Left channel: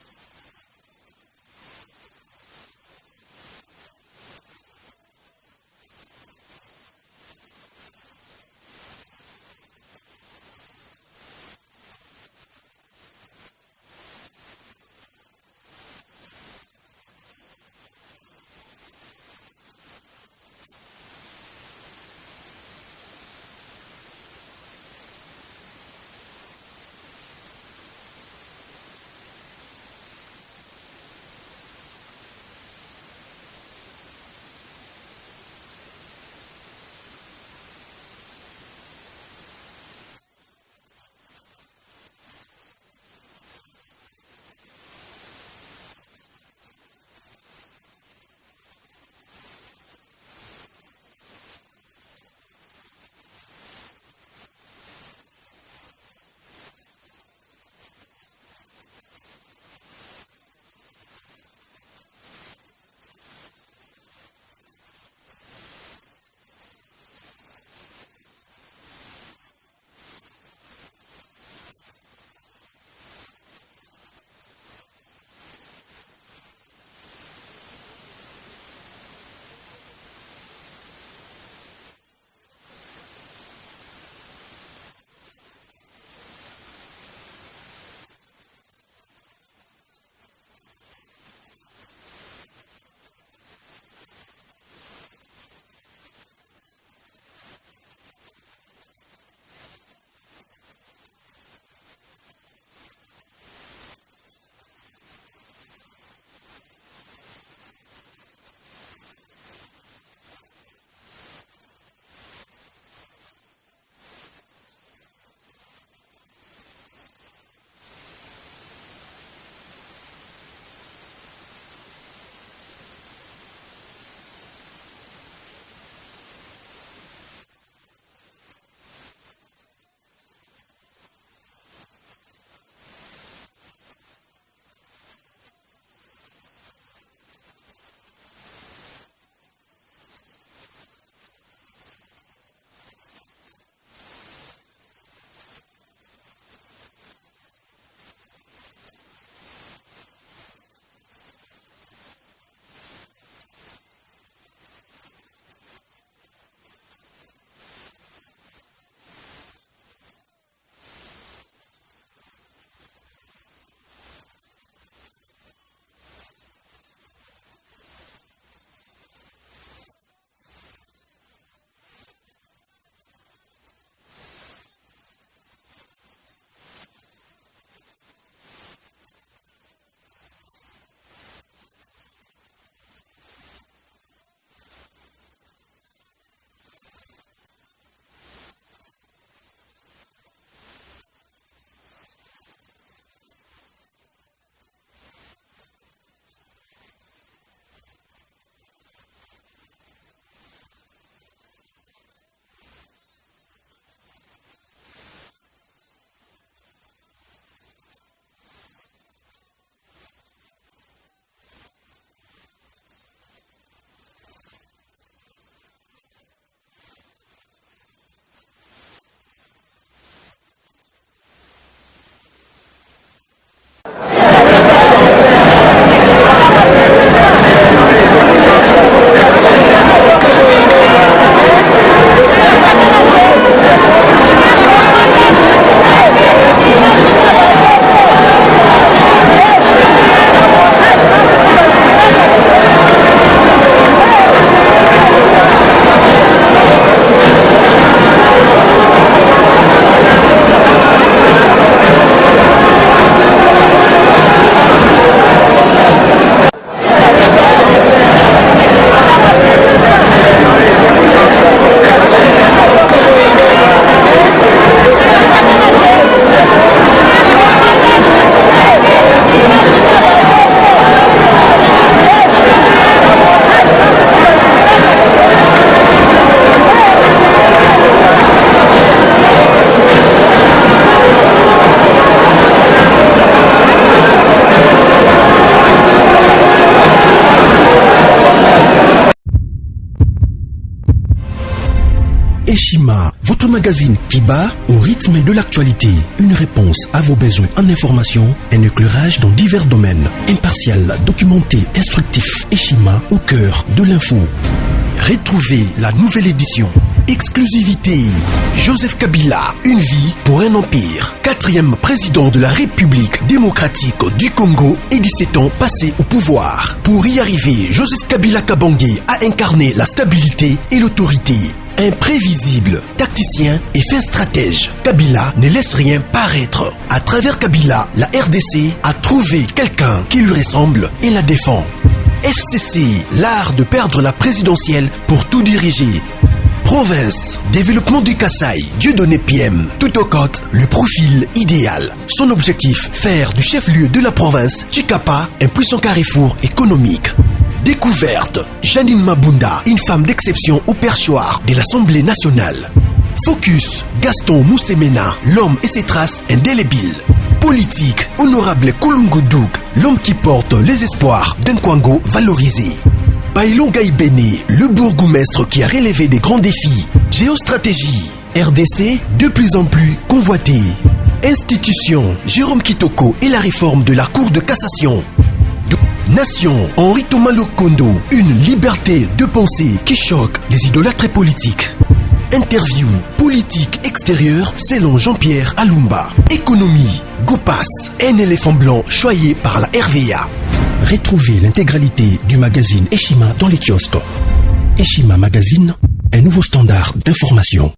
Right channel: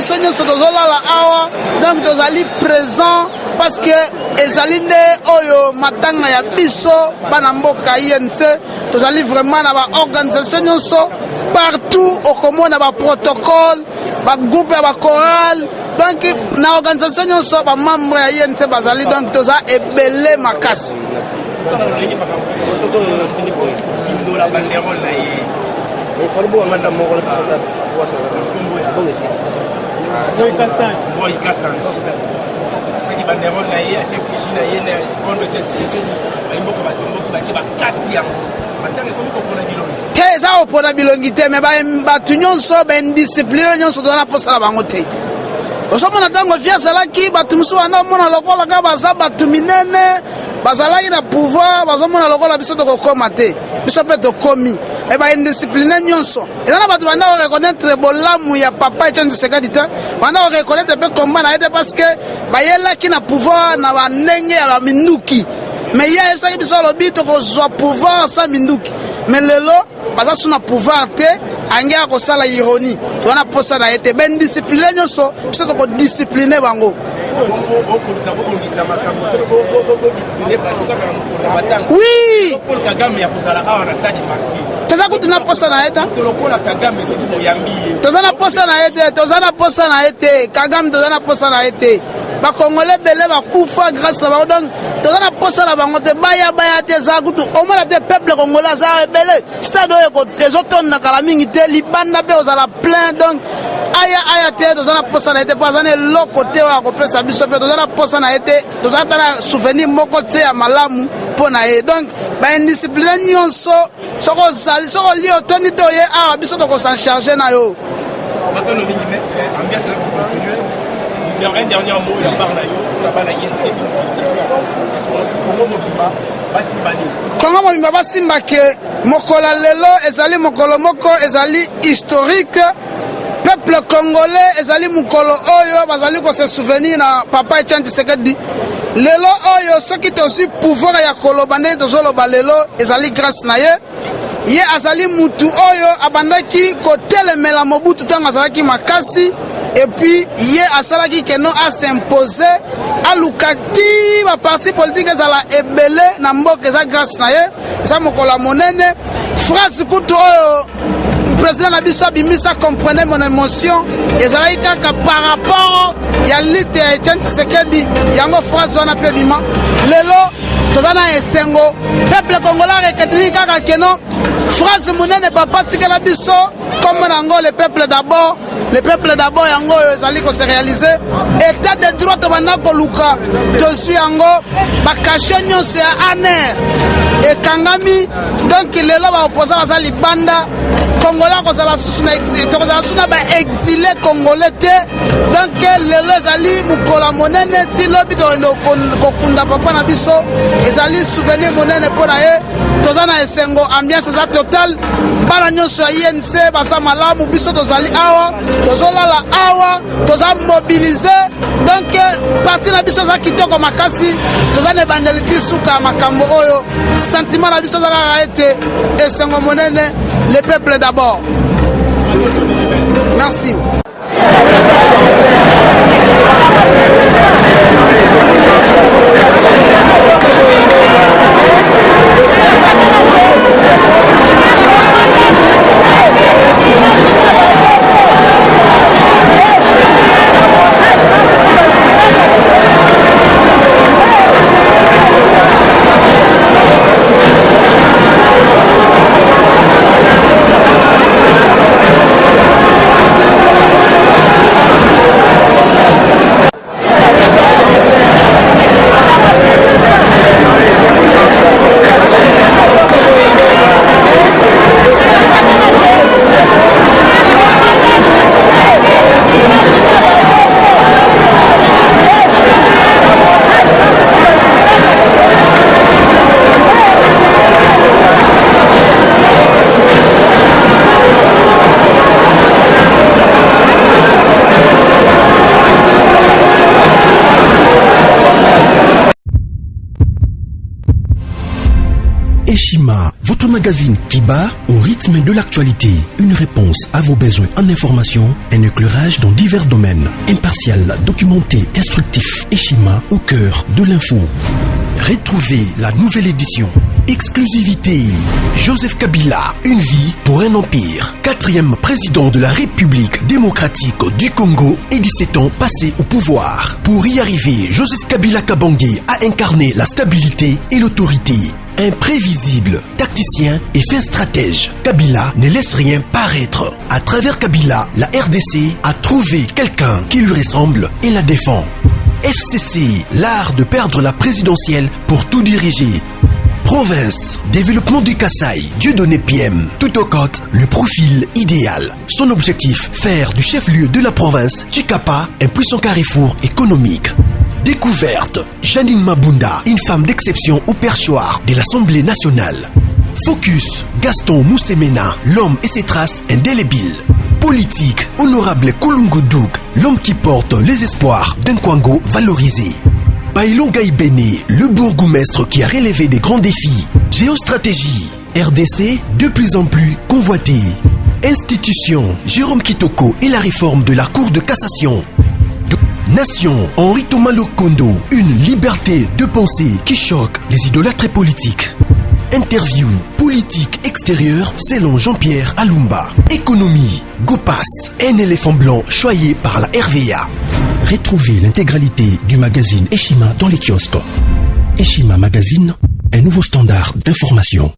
biso nyonso tozolala awa donc tozali présent parce que ezali nde oyo matanga ya biso bana mboka INC tozali vraiment na baorganisation nyonso partout okomona baprotocole bagroupe ya bachoral donc na organisation nyonso bamembre ya INC bazali donc toza ebele makasi te eza opona bilongi te me bato nyonso baindiscipline nyonso tozana posala bango te osomona ntango vie azalaki bato mosusu wana omona lokola kaka baza bato minene bazalaki na pouvoir bazomona lokola biso tokokoma te biso mpe tokomi e baindiscipline nyonso eza na bato banda koreconnaitre bolamu ya papa Etienne Tshisekedi te banda koreconnaitre mpe komba na ye te parce que bayelaki na pouvoir na bandenge ya baminduki me ye ayebisaki biso alobi tokozwa pouvoir sa minduki me lelo baza su na pouvoir te ange ya kosala ironie tozana posa na ye te baindiscipline nyonso biso tokodiscipline bango oui toza kutu na posa na ye te toza na posa na ye te toza na posa na ye te Kagame toza na posa na ye te bakongole bele bakufa grâce na bango donc toza na posa na bango te baya te eza kutu omona te peuple congolais aza ebele stade oyo ezotondaka la mingi te libanda mpe ozala plein donc aya te toza na posa na ye te mpo aza na eloko te oyo akopesa biso mpe toza na posa na ye te toza ta na souvenir moko te ya malamu mpo na ye donc baindiscipline nyonso soko ozali soko olie otondi te oye awa biso tokosan charge na yo. Un dernier mot, il y a pas Kongo mobimba basimba ke mokola lelo ezali mokolo moko ezali historique peuple congolais ezali mokolo oyo bazali ko se souvenir na papa Etienne Tshisekedi lelo oyo soki tosi pouvoir ya koloba nde tozoloba lelo ezali grâce na ye ye azali mutu oyo abandaki kotelemela Mobutu ntango azalaki makasi et puis ye asalaki keno a s'imposer alukati ba parti politique ezala ebele na mboka eza grâce na ye eza mokola monene phrase kutu oyo président na biso abimisa comprenez mon émotion ezalaki kaka par rapport ya lite ya Etienne Tshisekedi yango phrase wana mpe bima lelo toza na esengo peuple congolais reketini kaka keno phrase monene papa tikela biso comme nango le peuple d'abord yango oyo ezali ko se réaliser état de droit tobanda koluka tosi yango bakashe nyonso ya aner ekangami donc lelo baopposa baza libanda congolais kozala susu na exil tokozala susu na baexilé congolais te donc lelo ezali mokola monene ti lobi toyende kokunda papa na biso ezali souvenir monene mpo na ye toza na esengo ambiance eza total bana nyonso ya INC baza malamu biso tozali awa tozolala awa toza mobilize donc parti na biso eza kitoko makasi toza na ebandeli ti suka ya makambo oyo sentiment na biso eza kaka ete esengo monene le peuple d'abord. Merci. Eshima, votre magazine qui bat au rythme de l'actualité. Une réponse à vos besoins en information, un éclairage dans divers domaines. Impartial, documenté, instructif. Eshima au cœur de l'info. Retrouvez la nouvelle édition. Exclusivité. Joseph Kabila, une vie pour un empire. 4e président de la République démocratique du Congo et 17 ans passés au pouvoir. Pour y arriver, Joseph Kabila Kabange a incarné la stabilité et l'autorité. Imprévisible, tacticien et fin stratège, Kabila ne laisse rien paraître. À travers Kabila, la RDC a trouvé quelqu'un qui lui ressemble et la défend. FCC, l'art de perdre la présidentielle pour tout diriger. Province, développement du Kasaï, Dieudonné PM, tout au côte, le profil idéal. Son objectif, faire du chef-lieu de la province, Chikapa, un puissant carrefour économique. Découverte, Janine Mabunda, une femme d'exception au perchoir de l'Assemblée nationale. Focus, Gaston Moussemena, l'homme et ses traces indélébiles. Politique, honorable Kulungu Douk, l'homme qui porte les espoirs d'un Kwango valorisé. Bailon Gaïbene, le bourgmestre qui a relevé des grands défis. Géostratégie, RDC, de plus en plus convoité. Institution, Jérôme Kitoko et la réforme de la Cour de cassation. Nation, Henri Thomas Lokondo, une liberté de pensée qui choque les idolâtres politiques. Interview, politique extérieure selon Jean-Pierre Alumba. Économie, Gopas, un éléphant blanc choyé par la RVA. Retrouvez l'intégralité du magazine Eshima dans les kiosques. Eshima Magazine, un nouveau standard d'information.